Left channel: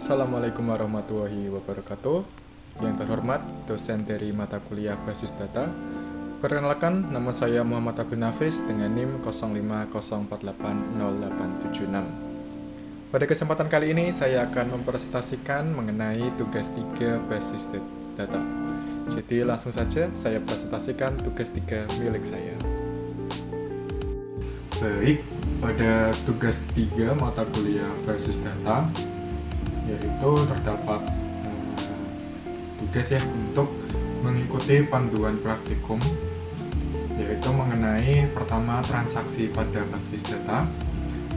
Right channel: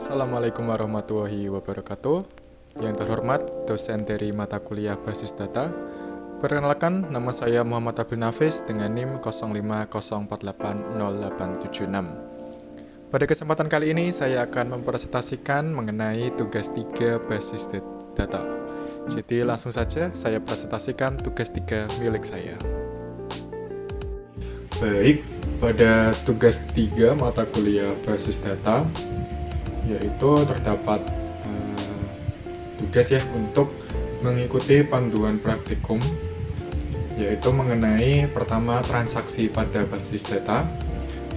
Assalamualaikum warahmatullahi wabarakatuh. Yang terhormat dosen dari mata kuliah Basis Data. Perkenalkan, nama saya Muhammad Abdul Nafis dengan NIM 05048086. Pada kesempatan kali ini saya akan mempresentasikan mengenai tugas 3 Basis Data. Jadi langsung saja saya presentasikan tugas 3 milik saya. Baik, pada tugas 3 mata kuliah Basis Data yaitu terdapat tugas ya untuk mengikuti panduan praktikum, yaitu mengenai pertama transaksi pada basis data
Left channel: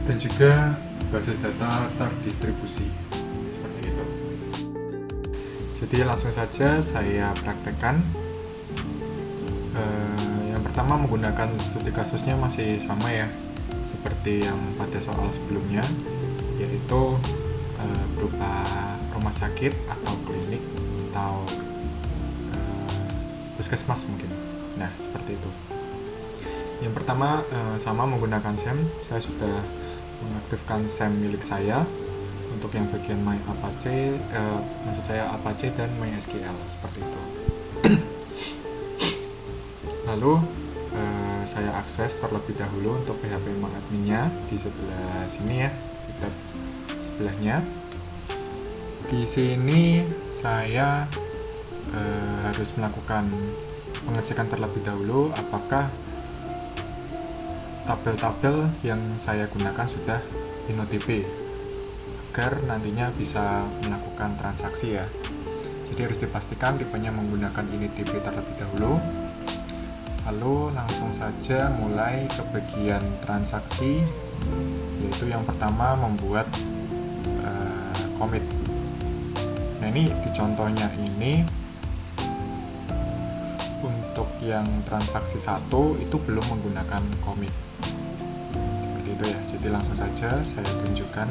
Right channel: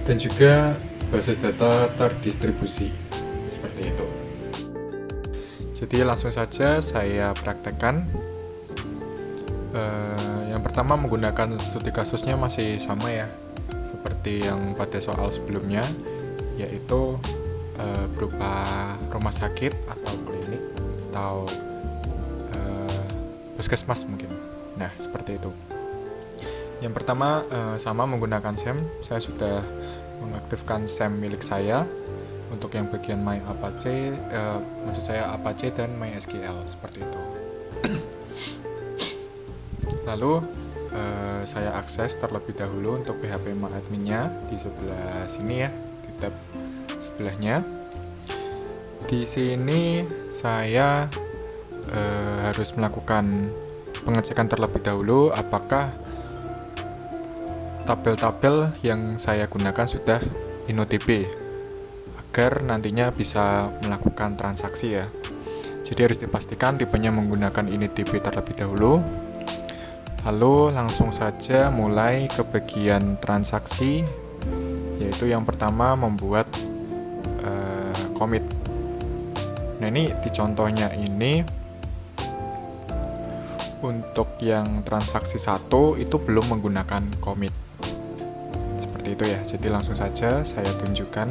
dan juga basis data terdistribusi seperti itu. Jadi langsung saja saya praktekkan. Yang pertama menggunakan studi kasusnya masih sama ya, seperti yang pada soal sebelumnya, yaitu berupa rumah sakit atau klinik atau puskesmas mungkin. Nah, seperti itu. Yang pertama sama menggunakan SEM. Saya sudah mengaktifkan SEM milik saya untuk yang bagian MyApache, maksud saya Apache dan MySQL seperti itu. Lalu saya akses terlebih dahulu untuk PHP MyAdmin-nya di sebelah sini ya, di tab sebelahnya. Di sini saya harus melakukan pengecekan terlebih dahulu apakah tabel-tabel yang saya gunakan sudah InnoDB agar nantinya bisa melakukan transaksi ya. Jadi harus dipastikan tipenya menggunakan InnoDB terlebih dahulu. Lalu langsung saja mulai ke bagian transaksi, yaitu yang pertama membuat commit. Nah ini di contohnya ini untuk yang transaksi 1 itu belum menggunakan commit seperti itu ya. Jadi langsung saja saya tunjukkan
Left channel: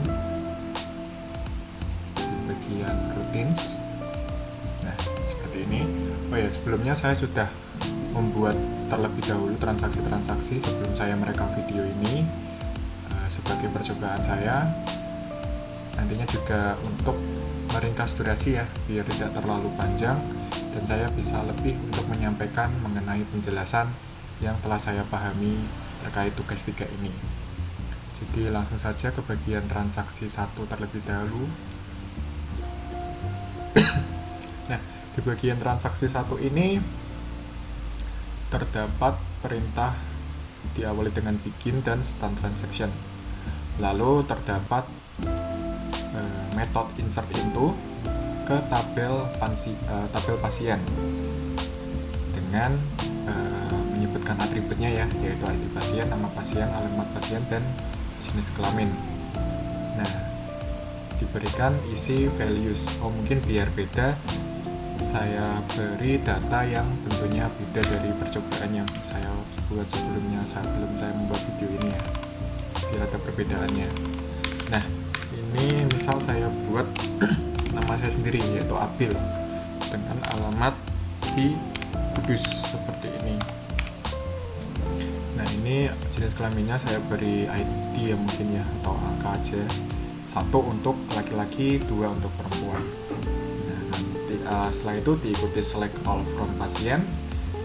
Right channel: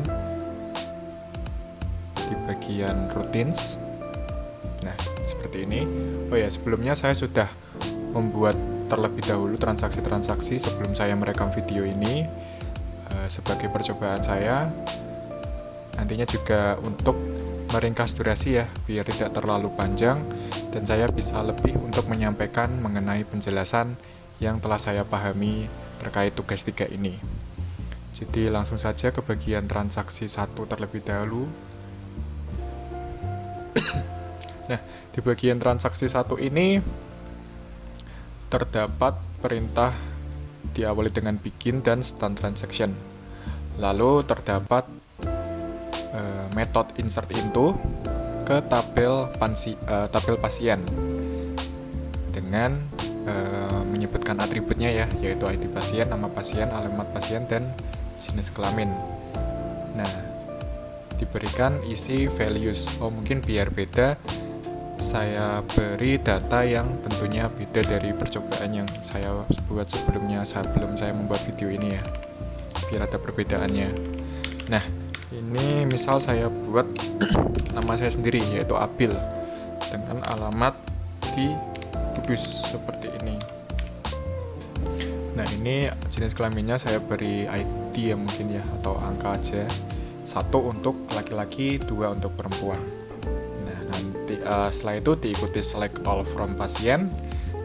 di bagian routines. Nah seperti ini. Oh ya, sebelumnya saya sudah membuat terlebih dahulu transaksi-transaksi sebelum saya merekam video ini sebagai percobaan saya. Nantinya juga untuk meringkas durasi ya, biar tidak terlalu panjang dan saya bisa lebih untuk menyampaikan mengenai penjelasan yang telah saya pahami terkait tugas 3 ini. Jadi langsung saja ke bagian transaksi 1 terlebih dahulu. Nah, di bagian transaksi 1 ini terdapat perintah diawali dengan begin dan start transaction. Lalu terdapat method insert into ke tabel pasien dengan menyebutkan atributnya ya, yaitu ID pasien, nama pasien, alamat pasien, dan jenis kelamin. Nah, diberikan isi values. Oh, mungkin biar beda, saya beri data yang tentunya beda dari percobaan yang saya buat sebelumnya sebelum saya membuat video ini ya, biar ada perbedaannya. Nah, ini misal saya buat nama saya sendiri yaitu Abil dengan alamat di Kudus seperti ini. Nah ini jenis kelaminnya saya beri ID ya mungkin ya, atau angka aja, 1 untuk laki-laki, 2 untuk perempuan. Nah nanti setelah itu diikuti select all from pasien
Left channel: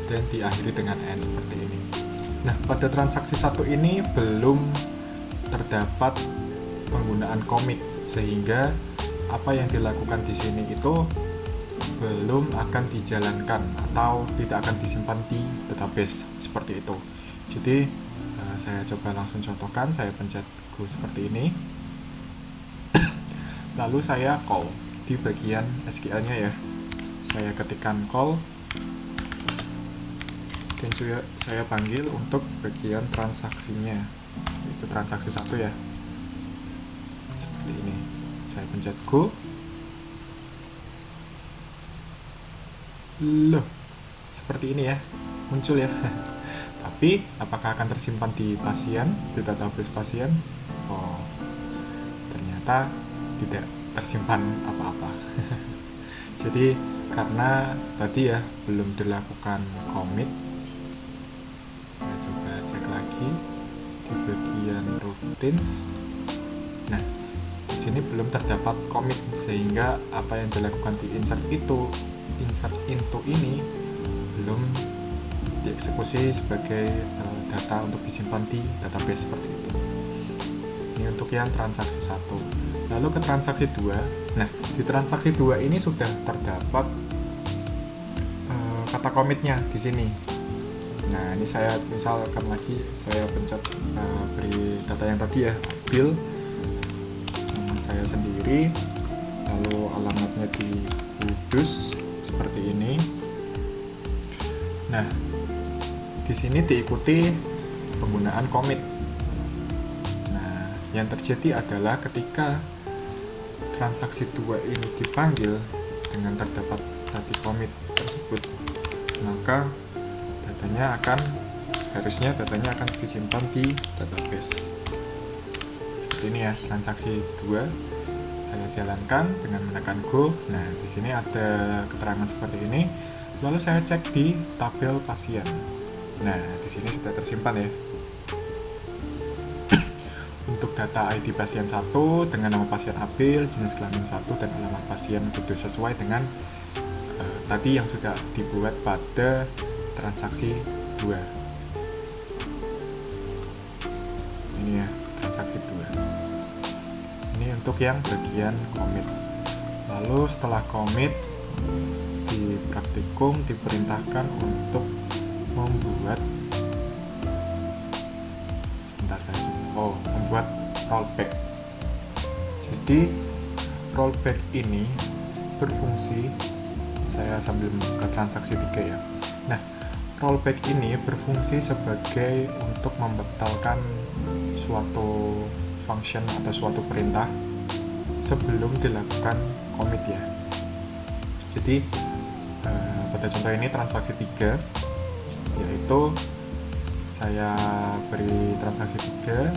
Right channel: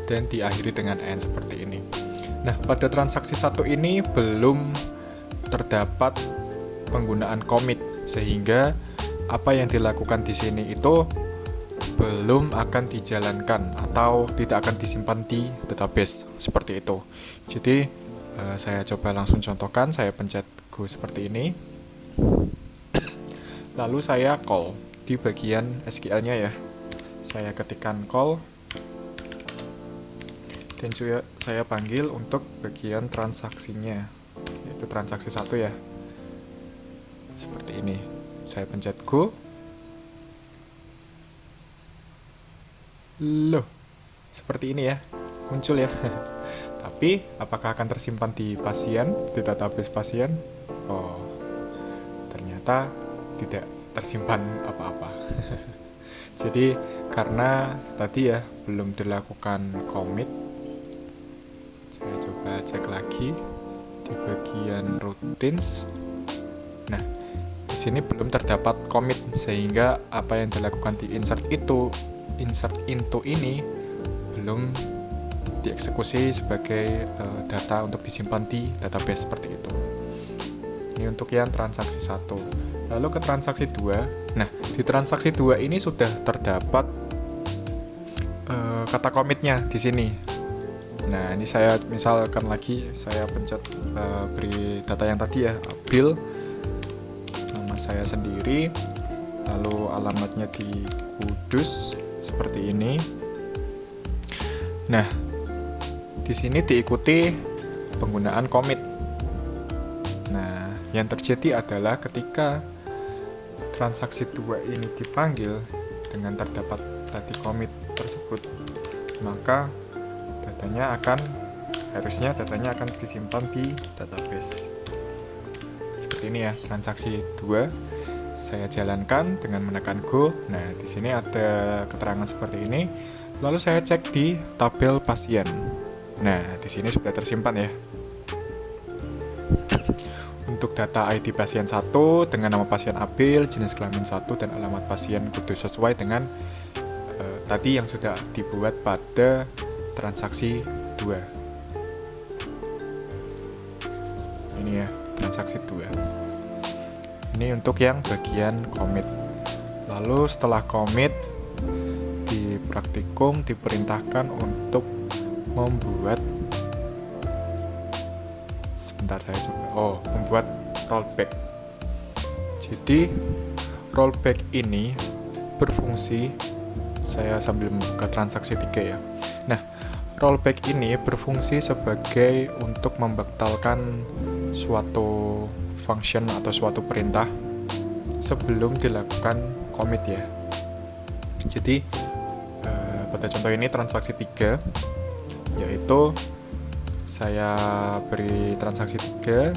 dan diakhiri dengan N seperti ini. Nah pada transaksi 1 ini belum terdapat penggunaan commit, sehingga apa yang dilakukan di sini itu belum akan dijalankan atau tidak akan disimpan di database seperti itu. Jadi saya coba langsung contohkan, saya pencet go seperti ini. Lalu saya call di bagian SQL-nya ya. Saya ketikkan call dan juga saya panggil untuk bagian transaksinya, yaitu transaksi 1 ya. Seperti ini. Saya pencet go. Loh, seperti ini ya, muncul ya. Tapi apakah akan tersimpan di pasien, di database pasien? Oh, ternyata tidak tersimpan apa-apa. Jadi karena tadi ya belum dilakukan commit, saya coba cek lagi di bagian routines. Nah, di sini belum terdapat commit, sehingga apa yang dilakukan di insert into ini belum dieksekusi sebagai data untuk disimpan di database seperti itu. Ini untuk yang transaksi 1. Lalu ke transaksi 2. Nah, di transaksi 2 ini sudah terdapat kata commitnya di sini. Nah, ini saya misalkan lagi, saya pencet beri data yang tadi ya, Abil, nama saya sendiri, lalu alamatnya di Kudus seperti ini. Nah, di sini diikuti penggunaan commit. Nah, yang terjadi adalah ketika transaksi 2 ini dipanggil dengan terdapat tadi commit tersebut, maka harusnya datanya akan disimpan di database. Seperti ini ya, transaksi 2 saya jalankan dengan menekan Go. Nah, di sini ada keterangan seperti ini. Lalu saya cek di tabel pasien. Nah, di sini sudah tersimpan ya. Untuk data ID pasien 1 dengan nama pasien Abil, jenis kelamin 1, dan alamat pasien Kudus sesuai dengan tadi yang sudah dibuat pada transaksi 2. Ini ya, transaksi 2. Ini untuk yang bagian commit. Lalu setelah commit, di praktikum diperintahkan untuk membuat membuat rollback. Jadi rollback ini berfungsi, saya sambil membuka transaksi 3 ya. Nah, rollback ini berfungsi sebagai untuk membatalkan suatu function atau suatu perintah sebelum dilakukan commit ya. Jadi pada contoh ini transaksi 3, yaitu saya beri transaksi 3.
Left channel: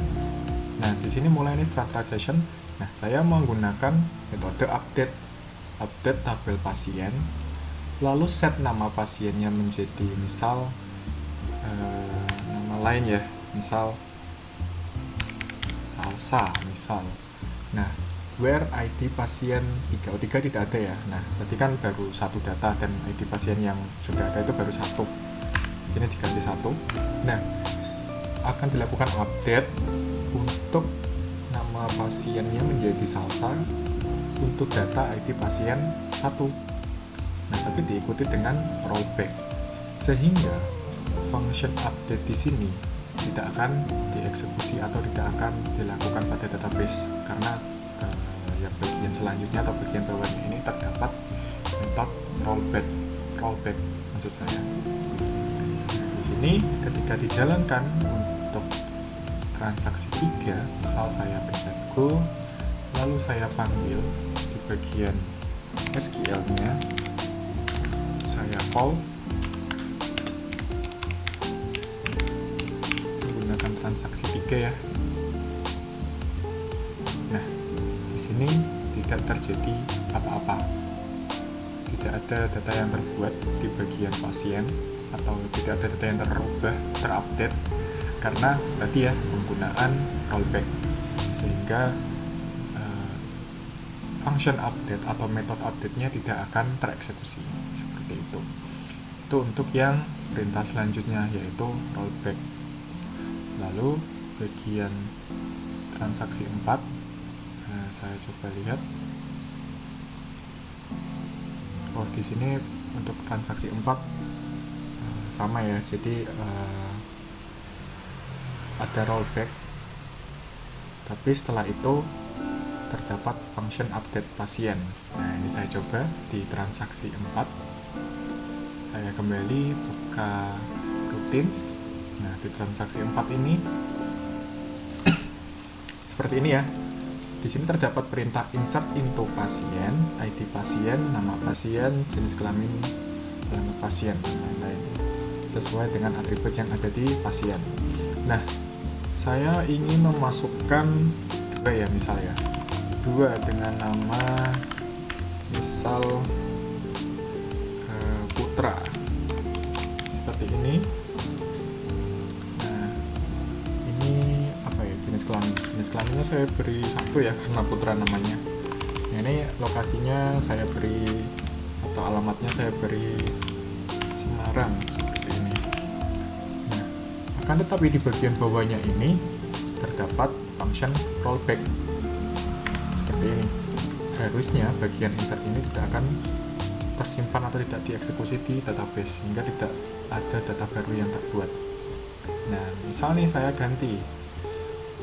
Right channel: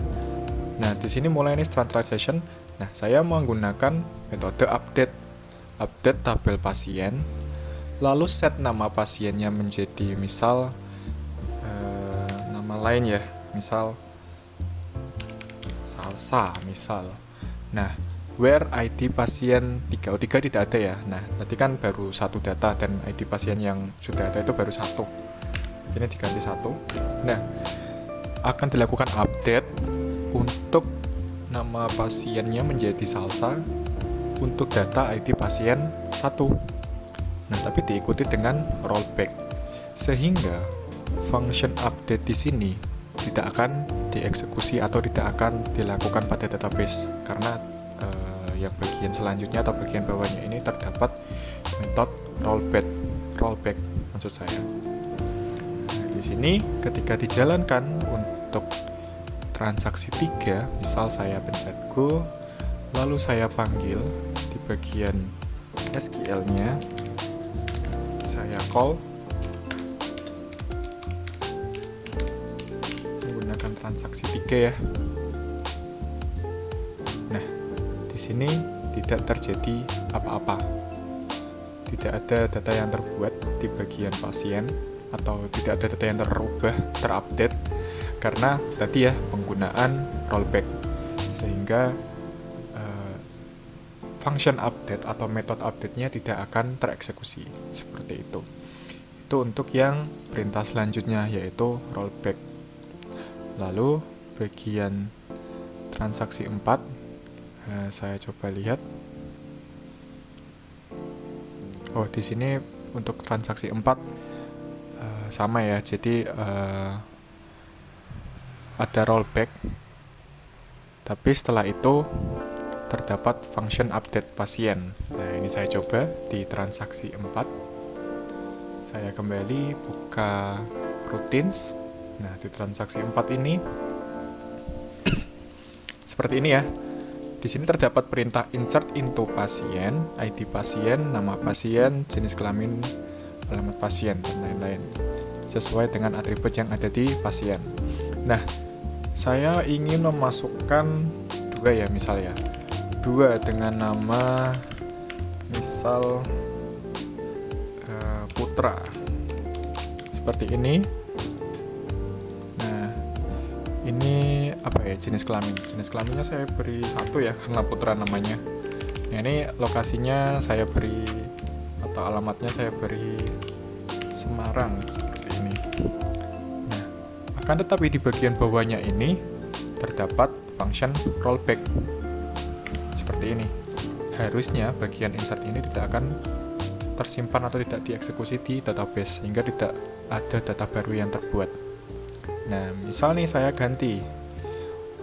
Nah, di sini mulai ini start transaction. Nah, saya menggunakan metode update tabel pasien, lalu set nama pasiennya menjadi misal nama lain ya, misal Salsa misal. Nah, where ID pasien 3 tidak ada ya. Nah, tadi kan baru satu data dan ID pasien yang sudah ada itu baru 1. Ini diganti 1. Nah, akan dilakukan update untuk nama pasiennya menjadi Salsa untuk data ID pasien 1. Nah, tapi diikuti dengan rollback, sehingga function update di sini tidak akan dieksekusi atau tidak akan dilakukan pada database, karena yang bagian selanjutnya atau bagian bawahnya ini terdapat metode rollback maksud saya. Nah, di sini ketika dijalankan untuk transaksi 3, misal saya pencet Go, lalu saya panggil di bagian SQL-nya, saya call menggunakan transaksi 3 ya. Nah, di sini tidak terjadi apa-apa, tidak ada data yang terbuat di bagian pasien atau tidak ada data yang terupdate karena tadi ya penggunaan rollback, sehingga function update atau metode update-nya tidak akan tereksekusi seperti itu. Itu untuk yang perintah selanjutnya, yaitu rollback. Lalu bagian transaksi 4, saya coba lihat. Oh, di sini untuk transaksi 4 sama ya, jadi ada rollback, tapi setelah itu terdapat function update pasien. Nah, ini saya coba di transaksi 4. Saya kembali buka routines. Nah, di transaksi 4 ini seperti ini ya. Di sini terdapat perintah insert into pasien, ID pasien, nama pasien, jenis kelamin, alamat pasien, dan lain-lain, sesuai dengan atribut yang ada di pasien. Nah, saya ingin memasukkan 2 ya, misalnya 2 dengan nama misal Putra seperti ini. Nah, ini apa ya, jenis kelamin. Jenis kelaminnya saya beri 1 ya, karena putra namanya. Nah, ini lokasinya saya beri, atau alamatnya saya beri Semarang, seperti ini. Nah, akan tetapi di bagian bawahnya ini terdapat function rollback, seperti ini. Harusnya bagian insert ini tidak akan tersimpan atau tidak dieksekusi di database, sehingga tidak ada data baru yang terbuat. Nah, misal nih saya ganti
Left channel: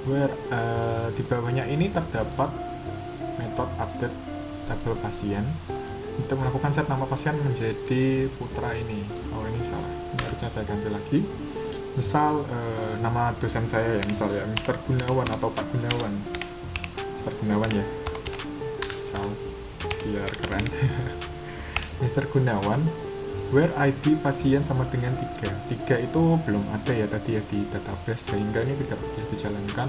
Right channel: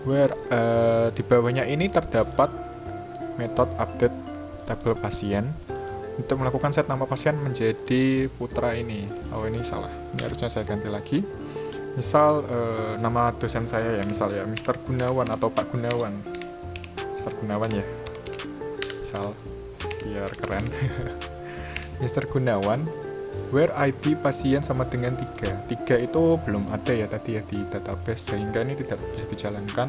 where di bawahnya ini terdapat metode update tabel pasien untuk melakukan set nama pasien menjadi putra ini. Oh, ini salah, ini harusnya saya ganti lagi. Misal nama dosen saya ya, misal ya Mr. Gunawan atau Pak Gunawan, Mr. Gunawan ya, misal biar keren. Mr. Gunawan where ID pasien sama dengan 3 itu belum ada ya tadi ya di database, sehingga ini tidak bisa dijalankan.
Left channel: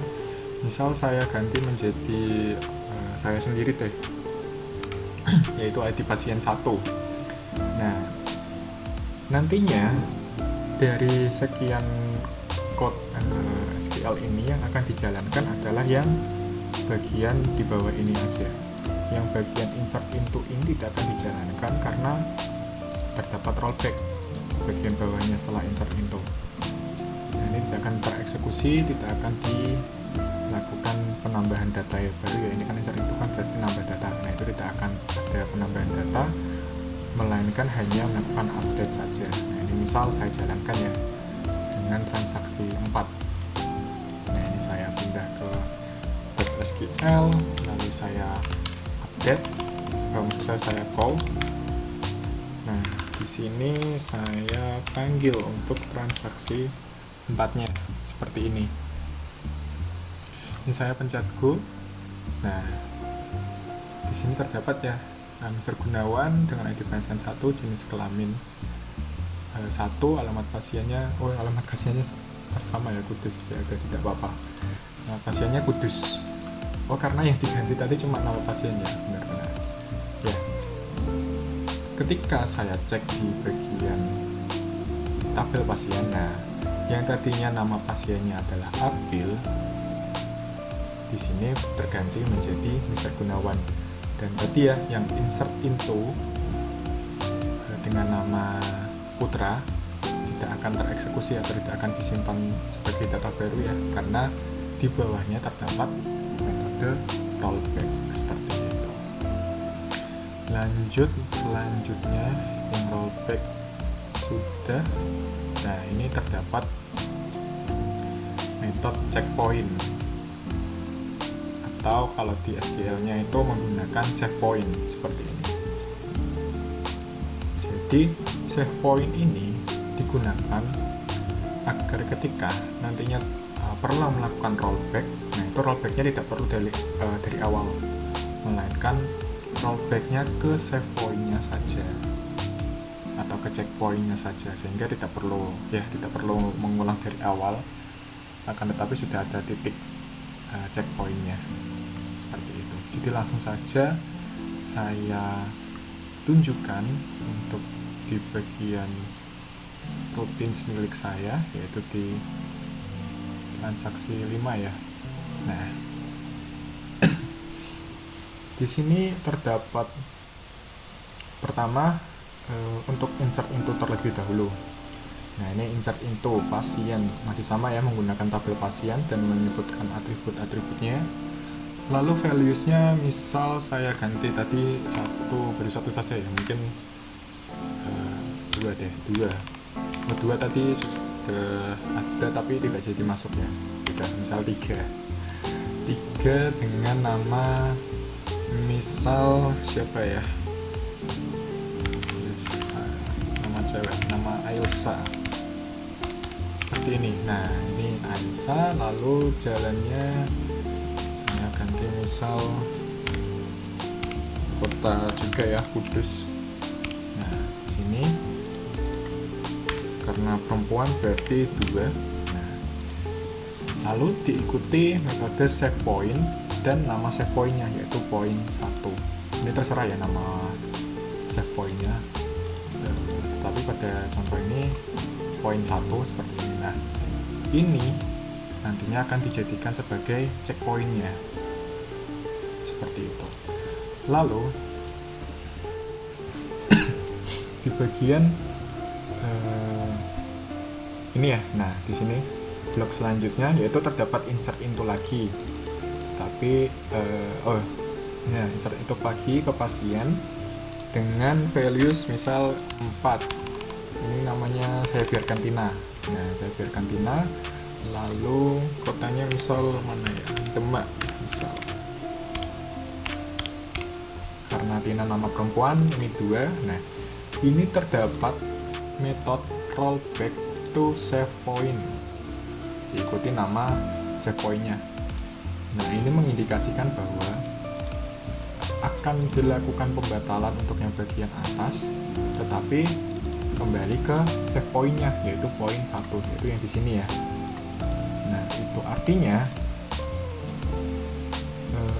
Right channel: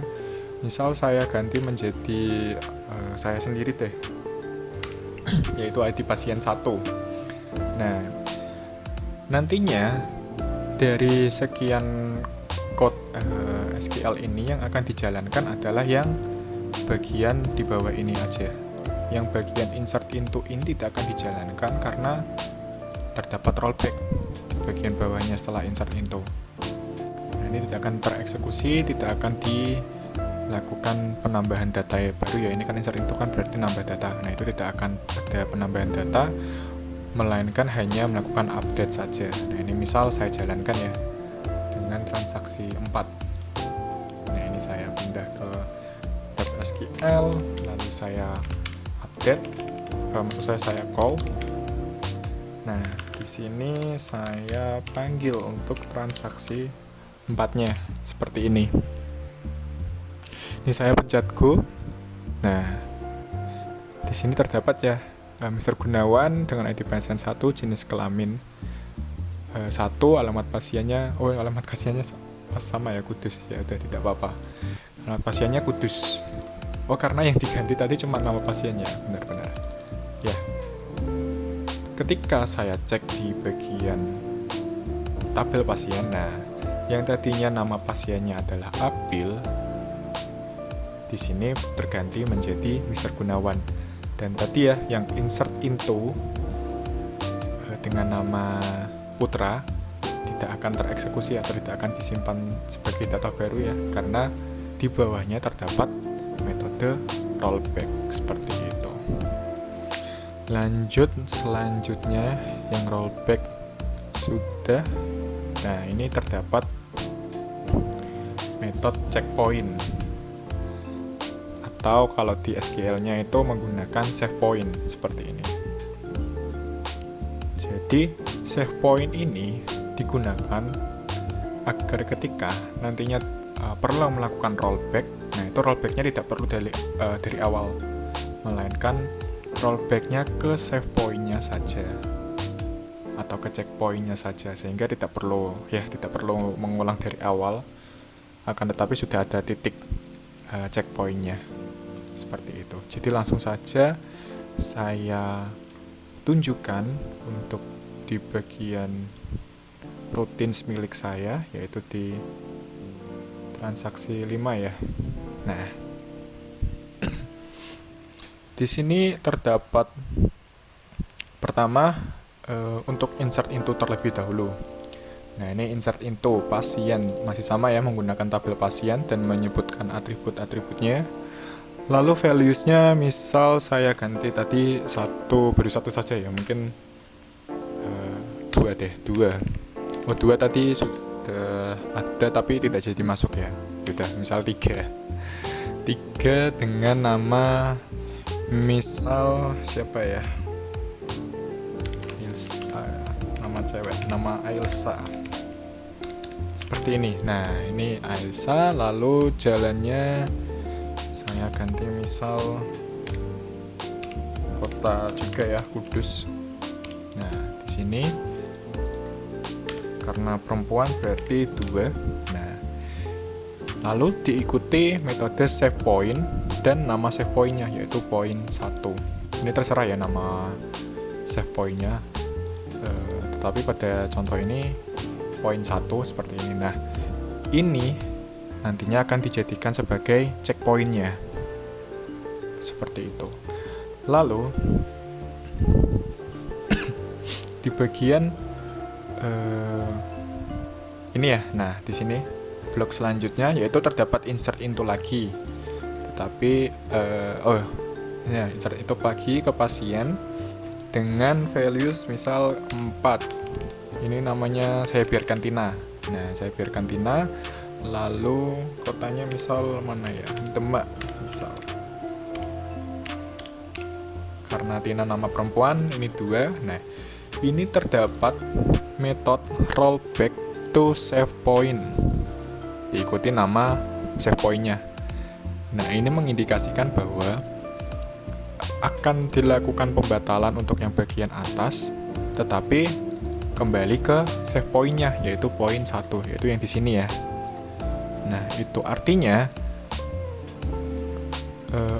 Misal saya ganti menjadi saya sendiri deh, yaitu ID pasien 1. Nah, nantinya dari sekian code SQL ini yang akan dijalankan adalah yang bagian di bawah ini aja. Yang bagian insert into ini tidak akan dijalankan karena terdapat rollback bagian bawahnya setelah insert into. Nah, ini tidak akan tereksekusi, tidak akan dilakukan penambahan data baru ya. Ini kan insert into kan berarti nambah data. Nah, itu tidak akan ada penambahan data, melainkan hanya melakukan update saja. Nah, ini misal saya jalankan ya dengan transaksi 4. Nah, ini saya pindah ke .SQL, lalu saya update, maksud saya call. Nah, di sini saya panggil untuk transaksi 4-nya seperti ini. Ini saya pencet go. Nah, di sini terdapat ya Mr. Gunawan dengan ID pasien 1, jenis kelamin 1, alamat pasiennya, alamat pasiennya sama ya, Kudus ya, udah tidak apa-apa. Alamat pasiennya Kudus. Oh, karena yang diganti tadi cuma nama pasiennya, benar-benar. Ya. Ketika saya cek di bagian tabel pasien, nah, yang tadinya nama pasiennya adalah Abil, di sini terganti menjadi Mr. Gunawan. Dan tadi ya, yang insert into dengan nama putra tidak akan tereksekusi atau tidak akan disimpan sebagai data baru ya, karena di bawahnya terdapat metode rollback seperti itu. Lanjut, selanjutnya yang rollback sudah. Nah, ini terdapat metode checkpoint, atau kalau di SQL-nya itu menggunakan save point seperti ini. Jadi save point ini digunakan agar ketika nantinya perlu melakukan rollback, nah itu rollbacknya tidak perlu dari awal, melainkan rollbacknya ke save point-nya saja atau ke checkpoint-nya saja, sehingga tidak perlu mengulang dari awal, akan tetapi sudah ada titik checkpoint-nya seperti itu. Jadi langsung saja saya tunjukkan untuk di bagian routines milik saya, yaitu di transaksi 5 ya. Nah, di sini terdapat pertama untuk insert into terlebih dahulu. Nah, ini insert into pasien masih sama ya, menggunakan tabel pasien dan menyebutkan atribut-atributnya. Lalu values-nya misal saya ganti tadi beri satu saja ya, mungkin 2 deh, 2. Oh, 2 tadi sudah ada tapi tidak jadi masuk ya. Sudah, misal 3 dengan nama misal siapa ya? Nama cewek, nama Ailsa. Seperti ini. Nah, ini Ailsa, lalu jalannya saya ganti misal kota juga ya, Kudus. Nah, di sini karena perempuan berarti 2. Nah, lalu diikuti metode save point dan nama save point-nya, yaitu point 1. Ini terserah ya nama save point-nya, tetapi pada contoh ini point 1 seperti ini. Nah, ini nantinya akan dijadikan sebagai checkpointnya. Seperti itu. Lalu di bagian ini ya, nah di sini blok selanjutnya yaitu terdapat insert into lagi, tetapi insert into lagi ke pasien dengan values misal 4. Ini namanya saya biarkan Tina. Nah, saya biarkan Tina. Lalu kotanya misal mana ya? Demak misal. Karena Tina nama perempuan, ini 2. Nah, ini terdapat metode rollback to save point. Diikuti nama save point-nya. Nah, ini mengindikasikan bahwa akan dilakukan pembatalan untuk yang bagian atas, tetapi kembali ke save point-nya, yaitu poin 1, yaitu yang di sini ya. Nah, itu artinya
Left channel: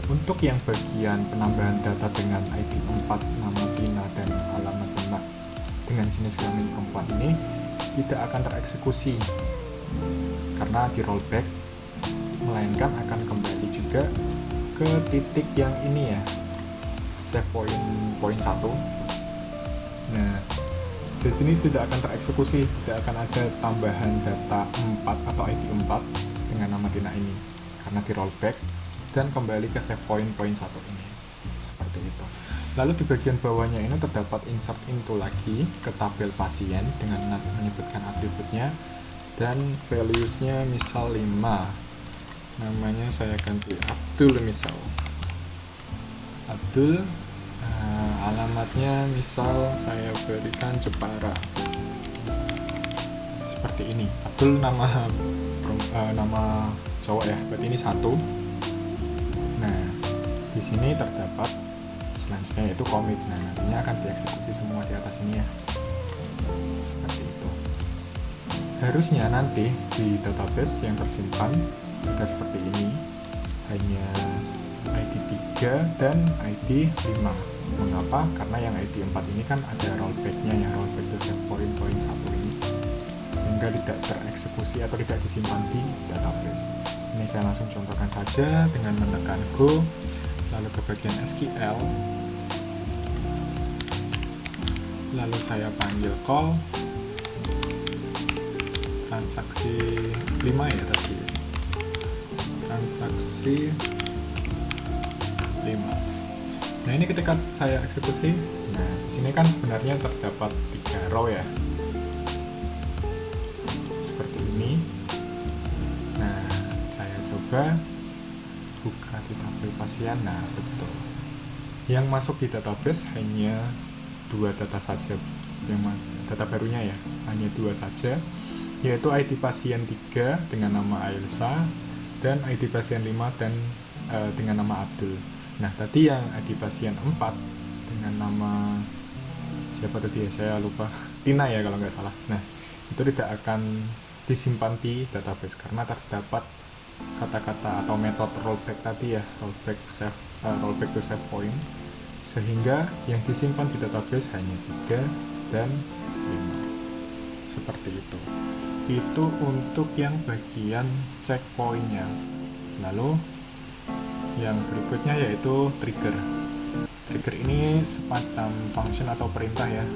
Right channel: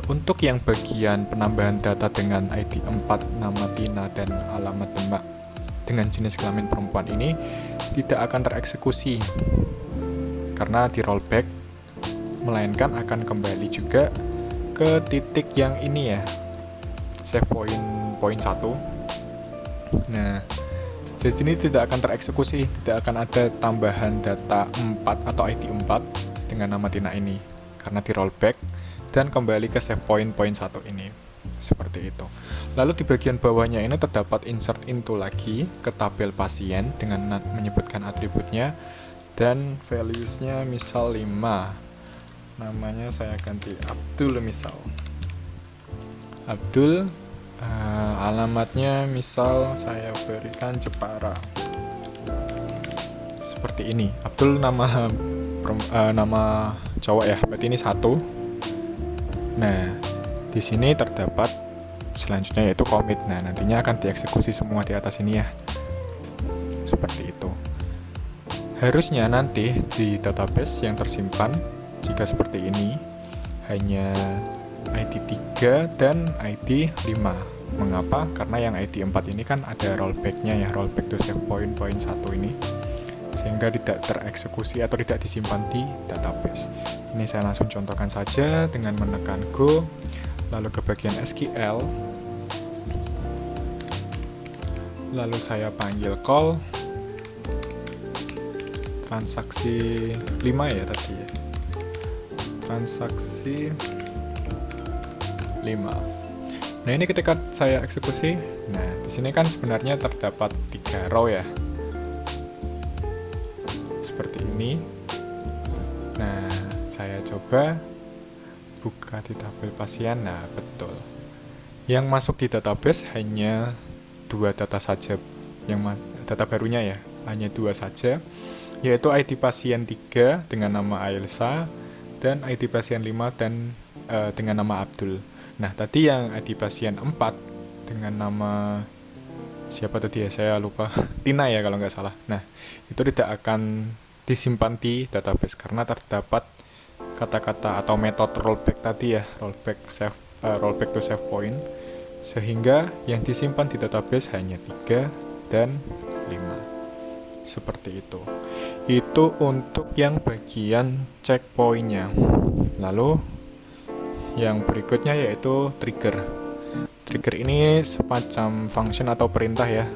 untuk yang bagian penambahan data dengan ID 4, nama Tina dan alamat Demak dengan jenis kelamin perempuan ini tidak akan tereksekusi karena di rollback, melainkan akan kembali juga ke titik yang ini ya, save poin 1. Nah, jadi ini tidak akan tereksekusi, tidak akan ada tambahan data 4 atau ID 4 dengan nama Tina ini karena di rollback dan kembali ke save point 1 ini. Seperti itu. Lalu di bagian bawahnya ini terdapat insert into lagi ke tabel pasien dengan menyebutkan atributnya dan values-nya misal 5. Namanya saya ganti Abdul misal. Abdul, alamatnya misal saya berikan Jepara. Seperti ini. Abdul nama cowok ya, berarti ini 1. Nah, di sini terdapat selanjutnya yaitu commit. Nah, nantinya akan dieksekusi semua di atas ini ya. Seperti itu. Harusnya nanti di database yang tersimpan jika seperti ini hanya ID 3 dan ID 5. Mengapa? Karena yang ID 4 ini kan ada rollback-nya ya, rollback to save point 1 ini. Sehingga tidak tereksekusi atau tidak disimpan di database. Ini saya langsung contohkan saja dengan menekan Go, lalu ke bagian SQL, lalu saya panggil call transaksi 5 ya tadi, transaksi 5. Nah, ini ketika saya eksekusi, nah di sini kan sebenarnya terdapat 3 row ya, seperti ini. Nah, saya coba buka di tabel pasien. Nah, betul. Yang masuk di database hanya 2 data saja. Yang data barunya ya, hanya 2 saja, yaitu ID pasien 3 dengan nama Ailsa dan ID pasien 5 dan dengan nama Abdul. Nah, tadi yang ID pasien 4 dengan nama siapa tadi ya, saya lupa. Tina ya kalau nggak salah. Nah, itu tidak akan disimpan di database karena terdapat kata-kata atau metode rollback tadi ya, rollback to save point, sehingga yang disimpan di database hanya 3 dan 5. Seperti itu. Itu untuk yang bagian checkpoint-nya. Lalu yang berikutnya yaitu trigger. Trigger ini semacam function atau perintah ya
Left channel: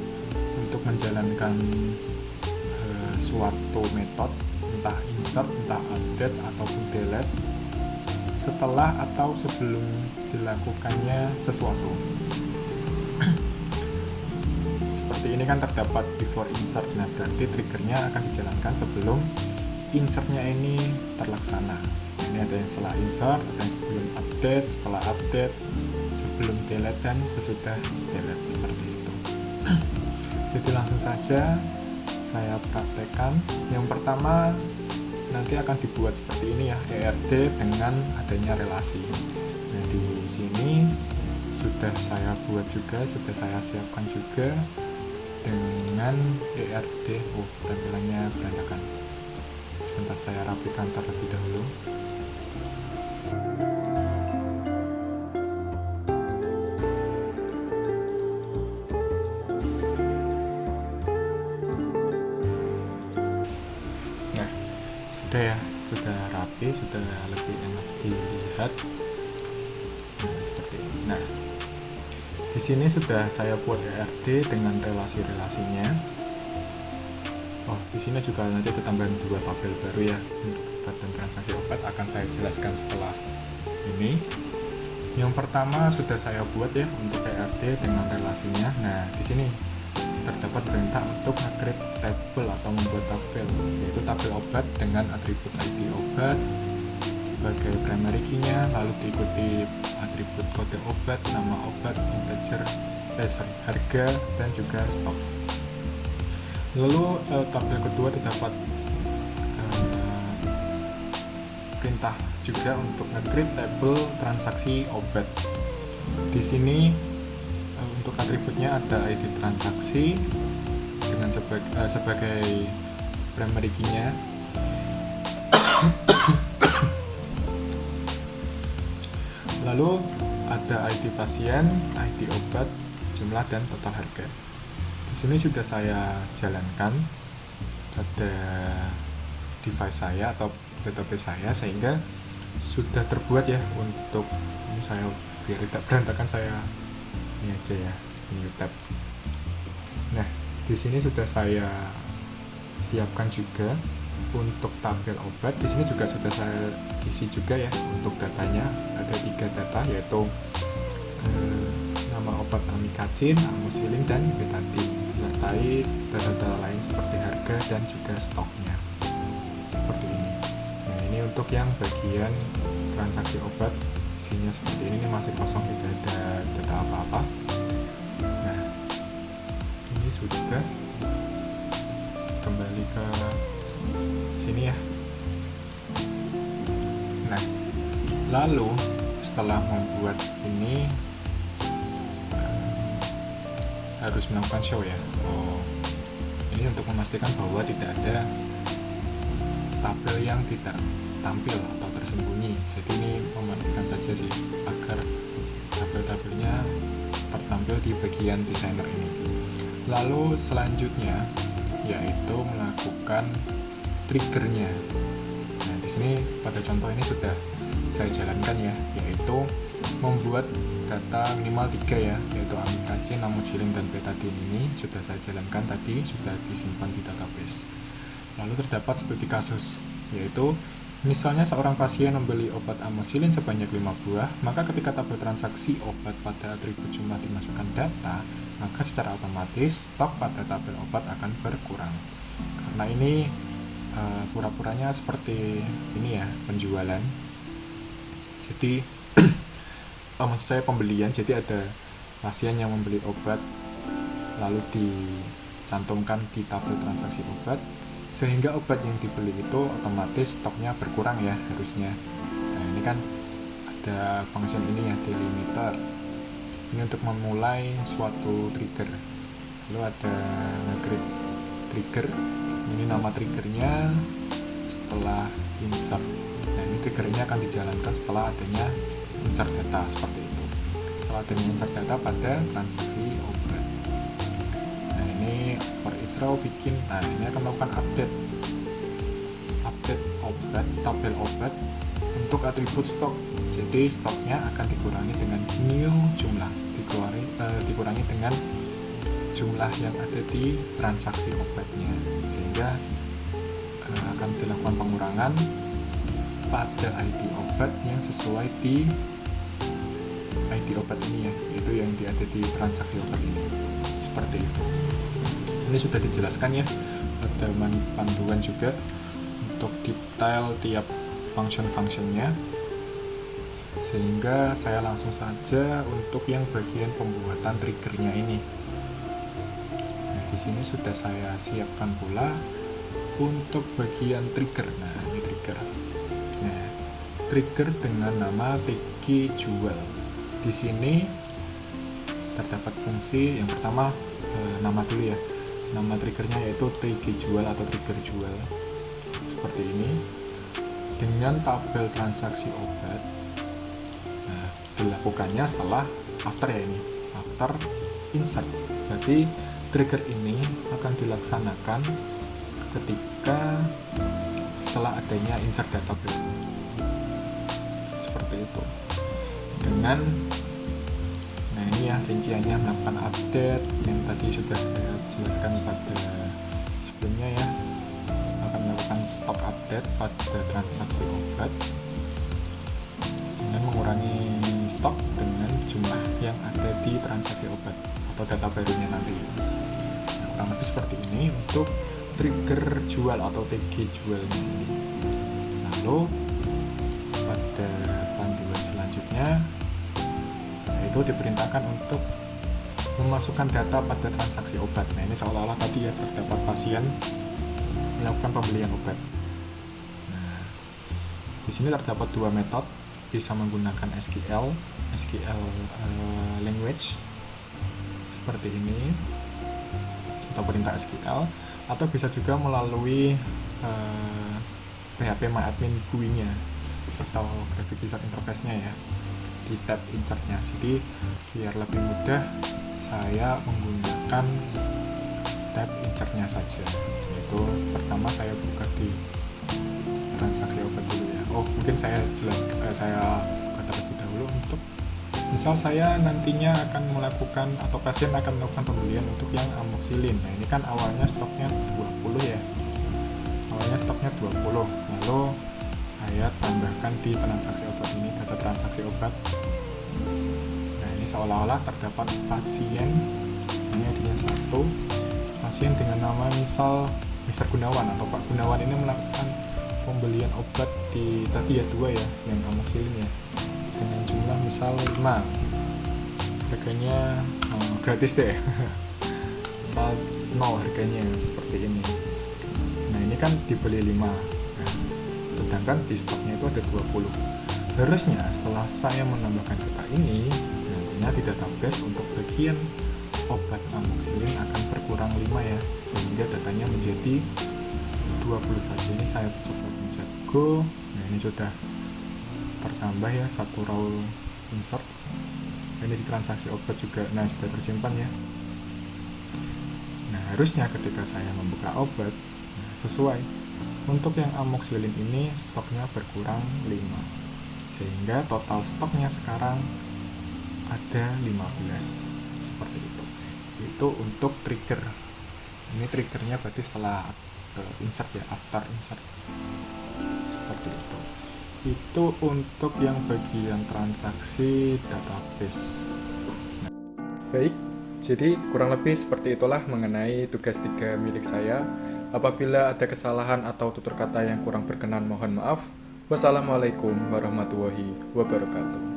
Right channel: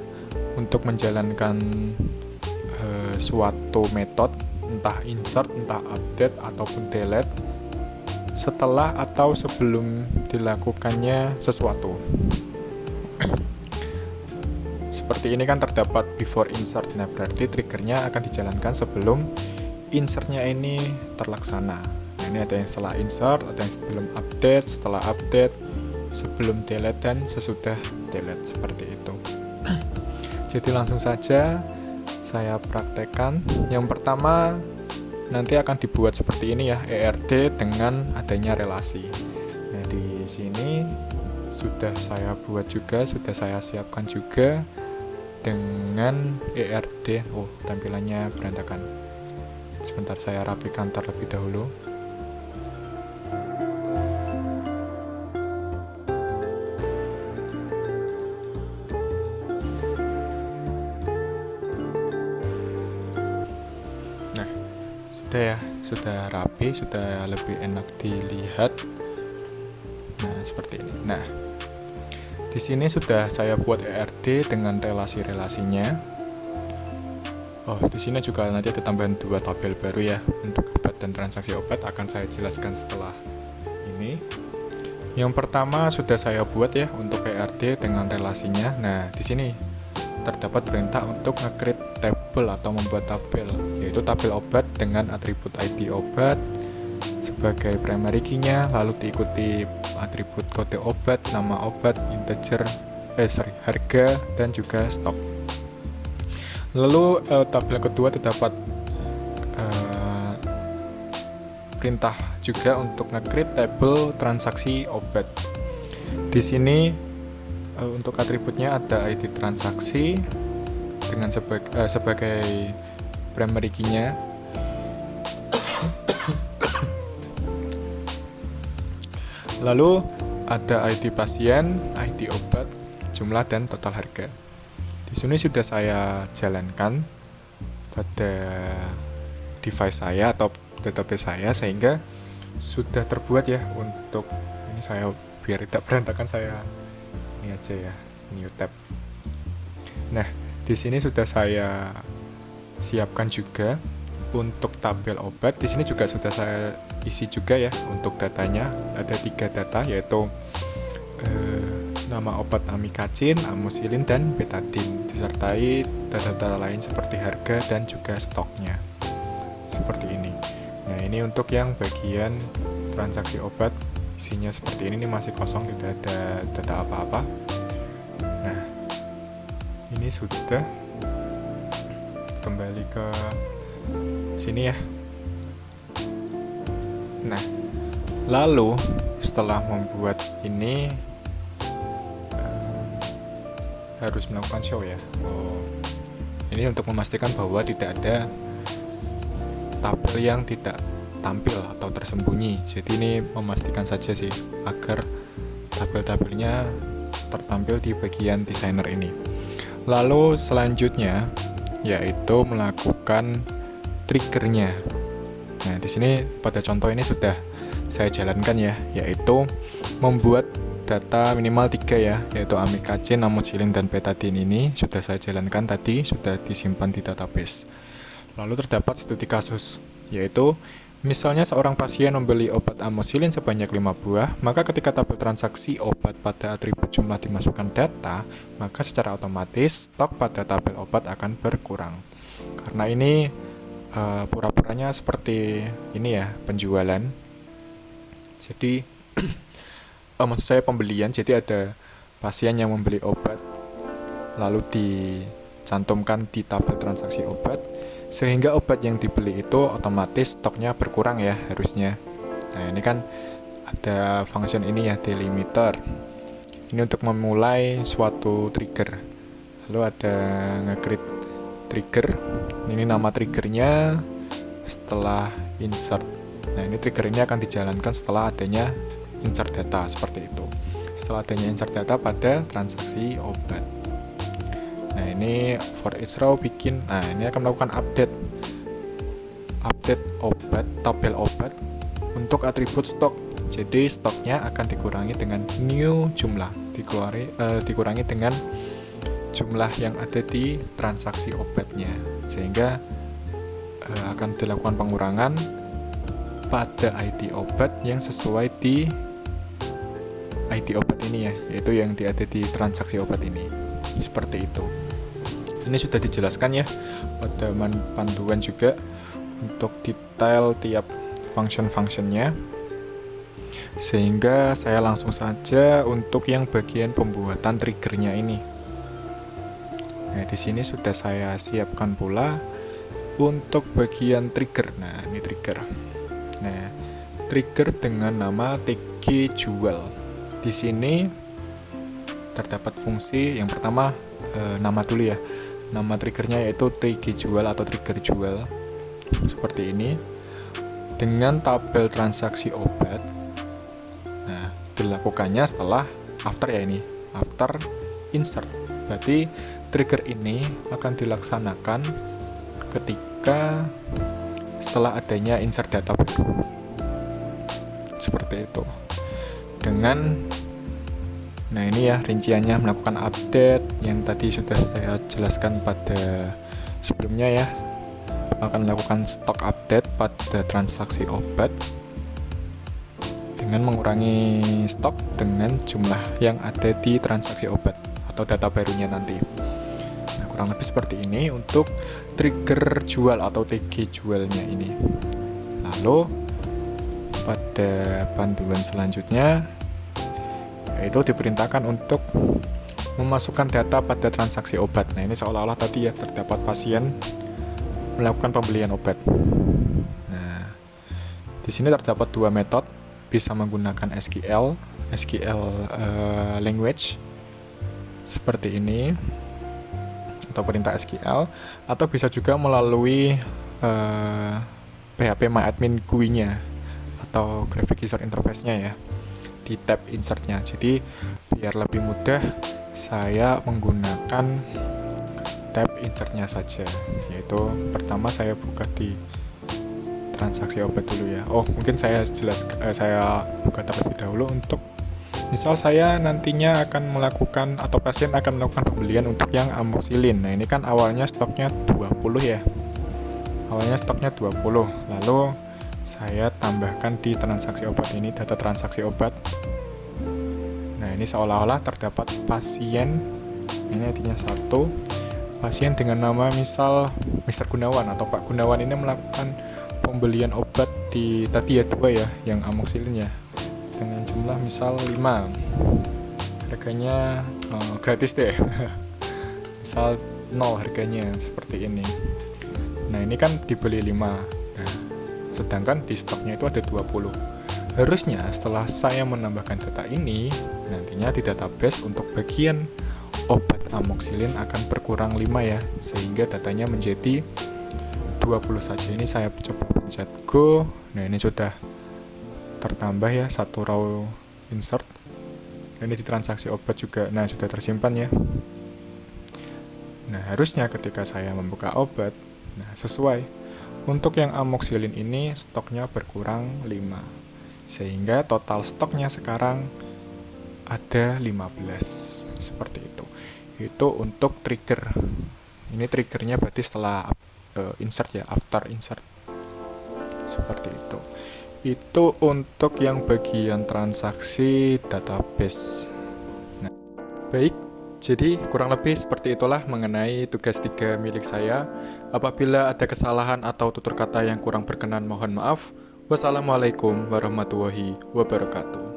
untuk menjalankan suatu metode, entah insert, entah update, ataupun delete setelah atau sebelum dilakukannya sesuatu. Seperti ini kan terdapat before insert. Nah, berarti triggernya akan dijalankan sebelum insertnya ini terlaksana. Nah, ini ada yang setelah insert, ada yang sebelum update, setelah update, sebelum delete, dan sesudah delete. Seperti itu. Jadi langsung saja saya praktekkan. Yang pertama nanti akan dibuat seperti ini ya, ERD dengan adanya relasi. Nah, di sini sudah saya buat juga, sudah saya siapkan juga dengan ERD. Oh, tampilannya berantakan. Sebentar saya rapikan terlebih dahulu. Sudah ya, sudah rapi. rapi, sudah lebih enak dilihat. Nah, seperti ini. Nah, di sini sudah saya buat ERD dengan relasi-relasinya. Oh, di sini juga nanti ada tambahan 2 tabel baru ya untuk obat dan transaksi obat, akan saya jelaskan setelah ini. Yang pertama sudah saya buat ya untuk ERD dengan relasinya. Nah, di sini terdapat perintah untuk nge-create tabel atau membuat tabel, yaitu tabel obat dengan atribut ID obat sebagai primary key-nya, lalu diikuti atribut kode obat, nama obat, integer, harga, dan juga stok. Lalu tabel kedua terdapat perintah juga untuk nge-create tabel transaksi obat. Di sini untuk atributnya ada ID transaksi dengan sebagai primary key-nya. Lalu ada ID pasien, ID obat, jumlah, dan total harga. Di sini sudah saya jalankan pada device saya atau database saya, sehingga sudah terbuat ya. Untuk ini saya biar tidak berantakan, saya ini aja ya, new tab. Nah, di sini sudah saya siapkan juga untuk tabel obat. Di sini juga sudah saya isi juga ya untuk datanya. Ada 3 data, yaitu nama obat amikacin, amoxicillin, dan betadine, disertai data-data lain seperti harga dan juga stoknya. Seperti ini. Nah, ini untuk yang bagian transaksi obat, isinya seperti ini masih kosong, tidak ada data apa-apa. Nah, ini sudah kembali ke sini ya. Nah, lalu setelah membuat ini harus melakukan show ya. Ini untuk memastikan bahwa tidak ada tabel yang tidak tampil atau tersembunyi. Jadi ini memastikan saja sih agar tabel-tabelnya tertampil di bagian designer ini. Lalu selanjutnya yaitu melakukan triggernya. Nah, di sini pada contoh ini sudah saya jalankan ya, yaitu membuat data minimal 3 ya, yaitu amikacin, amoxicillin, dan betadine. Ini sudah saya jalankan tadi, sudah disimpan di database. Lalu terdapat studi kasus, yaitu misalnya seorang pasien membeli obat amoxicillin sebanyak 5 buah, maka ketika tabel transaksi obat pada atribut jumlah dimasukkan data, maka secara otomatis stok pada tabel obat akan berkurang. Karena ini pura-puranya seperti ini ya, penjualan. Jadi maksud saya pembelian. Jadi ada pasien yang membeli obat lalu dicantumkan di tabel transaksi obat, sehingga obat yang dibeli itu otomatis stoknya berkurang ya harusnya. Nah, ini kan ada function ini ya, delimiter. Ini untuk memulai suatu trigger. Lalu ada nge-create trigger. Ini nama triggernya setelah insert. Nah, ini triggernya akan dijalankan setelah adanya insert data, seperti itu. Setelah adanya insert data pada transaksi obat. Nah, ini for each row bikin. Nah, ini akan melakukan update obat, tabel obat untuk atribut stok. Jadi stoknya akan dikurangi dengan new jumlah, dikurangi dengan jumlah yang ada di transaksi obatnya, sehingga akan dilakukan pengurangan pada ID obat yang sesuai di ID obat ini ya, yaitu yang ada di transaksi obat ini. Seperti itu. Ini sudah dijelaskan ya pada panduan juga untuk detail tiap function-functionnya, sehingga saya langsung saja untuk yang bagian pembuatan triggernya ini. Nah, di sini sudah saya siapkan pula untuk bagian trigger. Nah, ini trigger. Nah, trigger dengan nama TG jual. Di sini terdapat fungsi yang pertama, nama dulu ya. Nama triggernya yaitu TG jual atau trigger jual. Seperti ini. Dengan tabel transaksi obat. Nah, dilakukannya setelah after ya ini. After insert. Berarti trigger ini akan dilaksanakan ketika setelah adanya insert data baru. Seperti itu. Nah ini ya rinciannya, melakukan update yang tadi sudah saya jelaskan pada sebelumnya ya. Akan melakukan stock update pada transaksi obat dengan mengurangi stok dengan jumlah yang ada di transaksi obat atau data barunya nanti. Nah, kurang lebih seperti ini untuk trigger jual atau TG jualnya ini. Lalu pada panduan selanjutnya yaitu diperintahkan untuk memasukkan data pada transaksi obat. Nah ini seolah-olah tadi ya terdapat pasien melakukan pembelian obat. Nah di sini terdapat dua metode, bisa menggunakan SQL language seperti ini atau perintah SQL, atau bisa juga melalui PHP MyAdmin GUI-nya atau Graphic User Interface-nya ya, di tab insert-nya. Jadi biar lebih mudah saya menggunakan tab insert-nya saja, yaitu pertama saya buka di transaksi obat dulu ya. Mungkin saya buka terlebih dahulu untuk misal saya nantinya akan melakukan atau pasien akan melakukan pembelian untuk yang amoxicillin. Nah ini kan awalnya stoknya 20 ya, awalnya stoknya 20, lalu saya tambahkan di transaksi obat ini data transaksi obat. Nah ini seolah-olah terdapat pasien, ini intinya satu pasien dengan nama misal Mr. Gunawan atau Pak Gunawan ini melakukan pembelian obat di tadi ya 2 ya yang amoxicillin ya, dengan jumlah misal 5, harganya gratis deh misal 0 harganya seperti ini. Nah ini kan dibeli 5, nah, sedangkan di stoknya itu ada 20. Harusnya setelah saya menambahkan data ini, nantinya di database untuk bagian obat amoxicillin akan berkurang 5 ya, sehingga datanya menjadi 20 saja. Ini saya coba pencet go. Nah ini sudah tertambah ya satu row insert. Ini di transaksi obat juga, nah sudah tersimpan ya. Nah harusnya ketika saya membuka obat, nah sesuai untuk yang amoxicillin ini stoknya berkurang 5, sehingga total stoknya sekarang ada 15 seperti itu. Itu untuk trigger. Ini triggernya berarti setelah insert ya, after insert seperti itu. Itu untuk yang bagian transaksi database. Nah, baik, jadi kurang lebih seperti itulah mengenai tugas 3 milik saya. Apabila ada kesalahan atau tutur kata yang kurang berkenan, mohon maaf. Wassalamualaikum warahmatullahi wabarakatuh.